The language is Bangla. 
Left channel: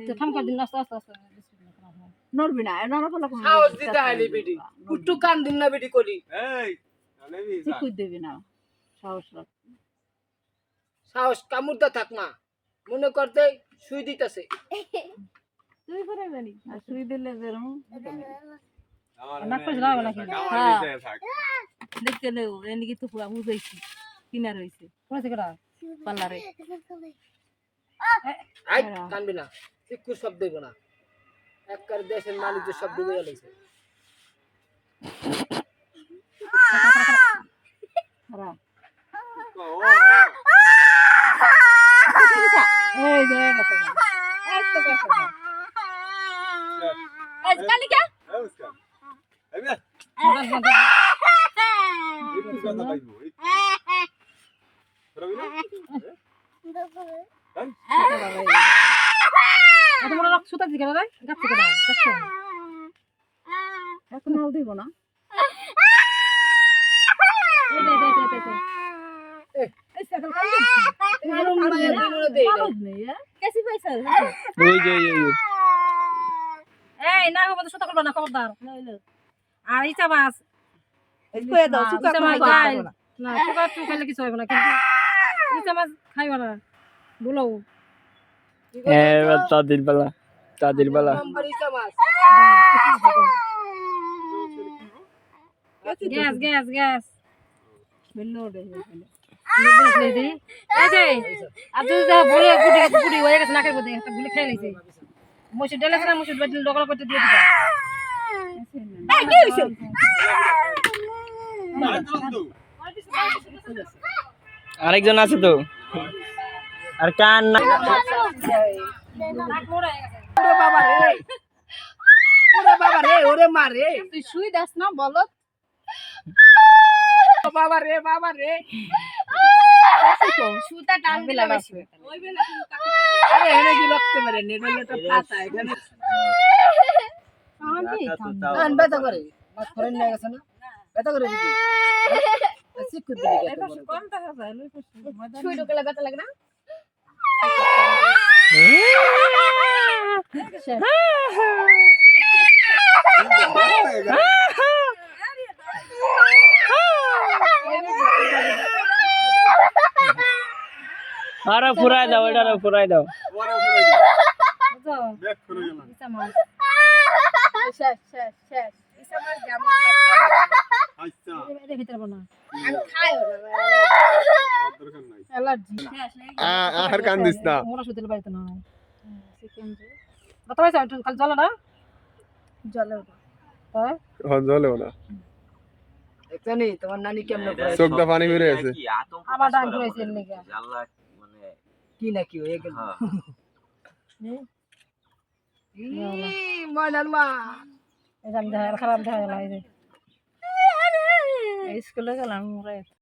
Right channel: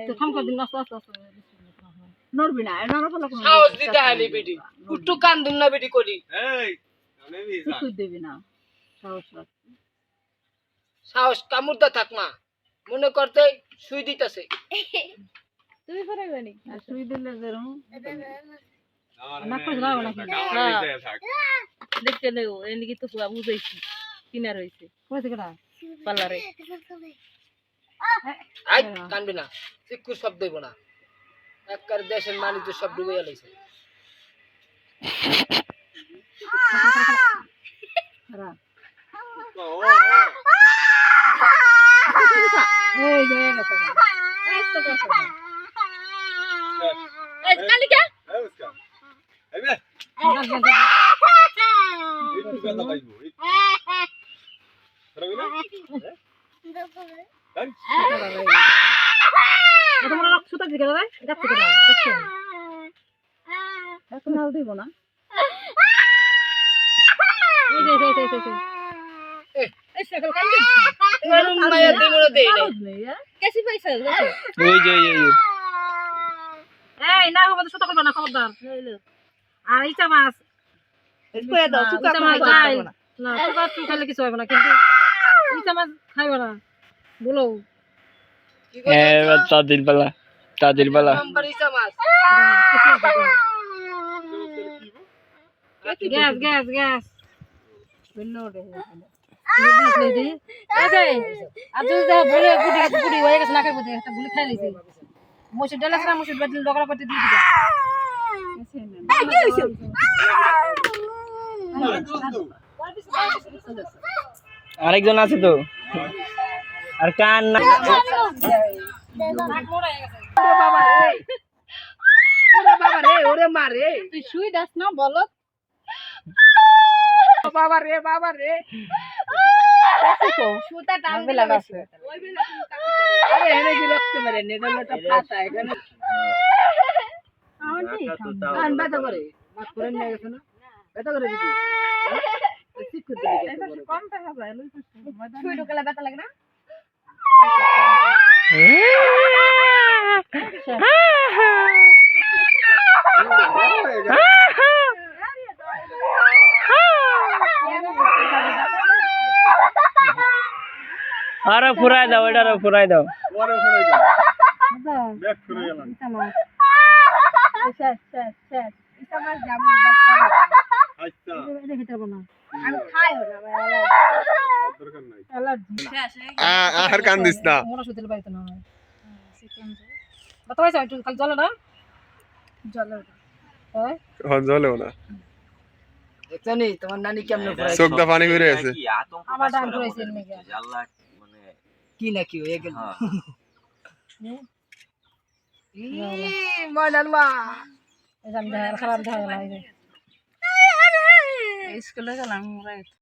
তো থাম করে দিন আস্তে আস্তে নড়বি না নড়বো না সাহস দিতে হালি বেটি একটু কান দিন না বেটি করি এই নেবি যা তুই দেবি না সাহস রাখ সাহস কামুরদা থাক না মনে করতে সুই দিতেছে তুই করে গনি আর তুই দিলে যেরকম আমার না করে যাবে না আমার নিচে থাক দেখতে নেও এদিকে তো পুরা বুঝাইছি কিনা রইছে কোথায় কেডা পাল্লারে আই কানবি না চিক্কু শব্দ হইব না একবার দেশের মানুষ সব ডুবে গেছে খারাপ ও এই যে গেছে এই তো গেছে আজ কালি কে এই মুস্কান এই বে একটু কথা পাইবো রবি না তোমরা রক্ত সুতা দিকে রে গাছে কেডা গাছে এখন হাল দিব না এই এই সকল কাল এরম মায়া দিমরে দেই নাই কেসি পাইছ ওই যে এই না হবে সুতা করবা না খবরদার আর ইচা মাছ কইয়া দাও সুতা ইচা মাছ খাই না সুতা তুই খাইলে কিছু হবে না কিন্তু ইচা মাছ খাইবা না বলো কি তাদের বেলা নাম্বার ইসা মাছ গ্যাস গ্যাস গ্যাস বললো রে গুলি হয়ে গেছে নাকের মধ্যে একটা গুলি খাই নিয়েছে মসুর ডাল আছে না মসুর ডাল ডগলা করতে দিয়ে দিবা আরেকজন আছে তো আর কান না নাক মোড়া হয়ে গেছে বাবা রে ওরে মারে তুই শুই দাস না বলো বাবা রে সুতা টান দিলে বেশি ওই বেলা তুমি কাকে আরে এনে কি রাখতে পারে নেডলটা ফাটা এখানে আন ব্যথা করে মাছ করে নিয়ে গেছে না ব্যথা করে দিবি চিক্কু দিবি কম টাকা যায় শুই ঢুকলে ব্যথা লাগে না আরে ফুরাই দাও এটারে ফুরাই দাও ওরে ওরে ব্যাক করে গেলাম ইচা মাছ শেষ শেষ শেষ ইসা মাছ জামু আচ্ছা এর ভিতরে না আমি খাইও না দরকার নাই অ্যালার্জি শেষ আর কান দিস না মোরা সুতিল বাড়িতে না হয় সেকেন্ড বাতা পাইছো একটু খালি জলে না জলে হ্যাঁ হন জ্বলেও না এখানে তোমার নানি কেমন করে চোখ দা পানি বেরিয়ে আছে আবার ডান করেছে এর লাগা কি না কি হয়ে গেল ময়নালমা এই জাম দেখা খারাপ দেখা গেল এই যে স্কুলে গেলাম